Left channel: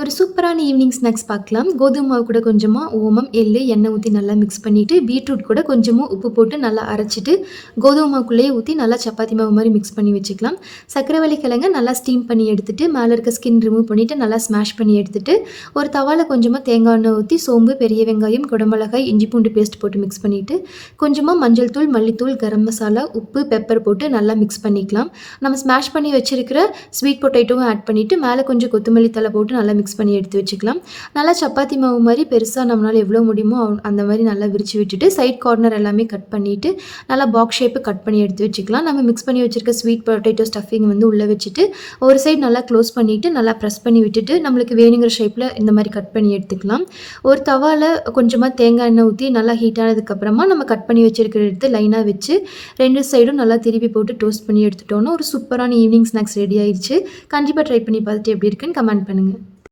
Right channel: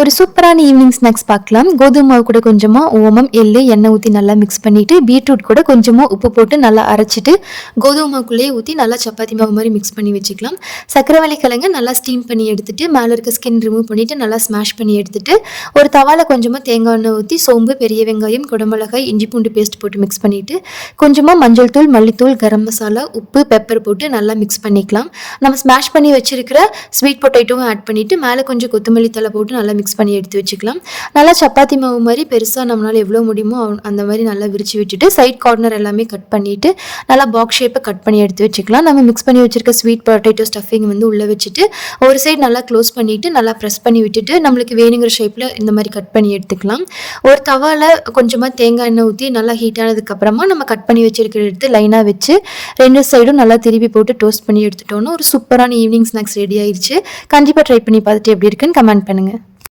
ஒரு சூப்பரான evening snacks பார்க்கலாம். கோதுமை மாவு கூட கொஞ்சமா ஓமம், எள்ளு, எண்ணெய் ஊத்தி நல்லா மிக்ஸ் பண்ணிட்டு, பீட்ரூட் கூட கொஞ்சமா உப்பு போட்டு நல்லா அரைச்சிட்டு, கோதுமை மாவுக்குள்ளேயே ஊத்தி நல்லா சப்பாத்தி மாவு மாரி மிக்ஸ் பண்ணி வச்சுக்கலாம். சர்க்கரைவள்ளி கிழங்க நல்லா ஸ்டீம் பண்ணி எடுத்துட்டு, மேல இருக்க ஸ்கின் ரிமூவ் பண்ணிட்டு, நல்லா ஸ்மாஷ் பண்ணி எடுத்துட்டு, ஒரு தவால கொஞ்சமா தேங்காய் எண்ணெய் ஊத்தி, சோம்பு, பெரிய வெங்காயம், குடமிளகாய், இஞ்சி பூண்டு பேஸ்ட் போட்டு மிக்ஸ் பண்ணிட்டு, கொஞ்சமா மஞ்சள் தூள், மல்லித்தூள், கரம் மசாலா, உப்பு, பெப்பர் போட்டு நல்லா மிக்ஸ் பண்ணிக்கலாம். நம்ம ஸ்மாஷ் பண்ணி வச்சிருக்கிற ஸ்வீட் பொட்டேட்டோவும் ஆட் பண்ணிட்டு, மேல கொஞ்சம் கொத்தமல்லி தழை போட்டு நல்லா மிக்ஸ் பண்ணி எடுத்து வச்சுக்கலாம். நல்லா சப்பாத்தி மாவு மாதிரி பெருசாக நம்மளால் எவ்வளோ முடியுமோ அந்த மாதிரி நல்லா விரிச்சு விட்டுட்டு சைட் கார்னர் எல்லாமே கட் பண்ணிவிட்டு நல்லா பாக்ஸ் ஷேப்பை கட் பண்ணி எடுத்து வச்சுக்கலாம். நம்ம மிக்ஸ் பண்ணி வச்சுருக்க ஸ்வீட் பொட்டேட்டோ ஸ்டஃபிங் வந்து உள்ளே வச்சுட்டு ஒரு சைடு நல்லா க்ளோஸ் பண்ணிவிட்டு நல்லா ப்ரெஸ் பண்ணி விட்டுட்டு நம்மளுக்கு வேணுங்கிற ஷேப்பில் இந்த மாதிரி கட் பண்ணி எடுத்துக்கலாம். ஒரு தவாவில் கொஞ்சமாக தேங்காய் எண்ணெய் ஊற்றி நல்லா ஹீட் ஆனதுக்கப்புறமா நம்ம கட் பண்ணி வச்சுருக்கிற எடுத்து லைனாக வச்சு 2 சைடும் நல்லா திருப்பி போட்டு டோஸ்ட் பண்ணி எடுத்துட்டோன்னா ஒரு சூப்பரான ஈவினிங் ஸ்நாக்ஸ் ரெடி ஆயிடுச்சு. கண்டிப்பாக ட்ரை பண்ணி பார்த்துட்டு எப்படி இருக்குன்னு கமெண்ட் பண்ணுங்கள்.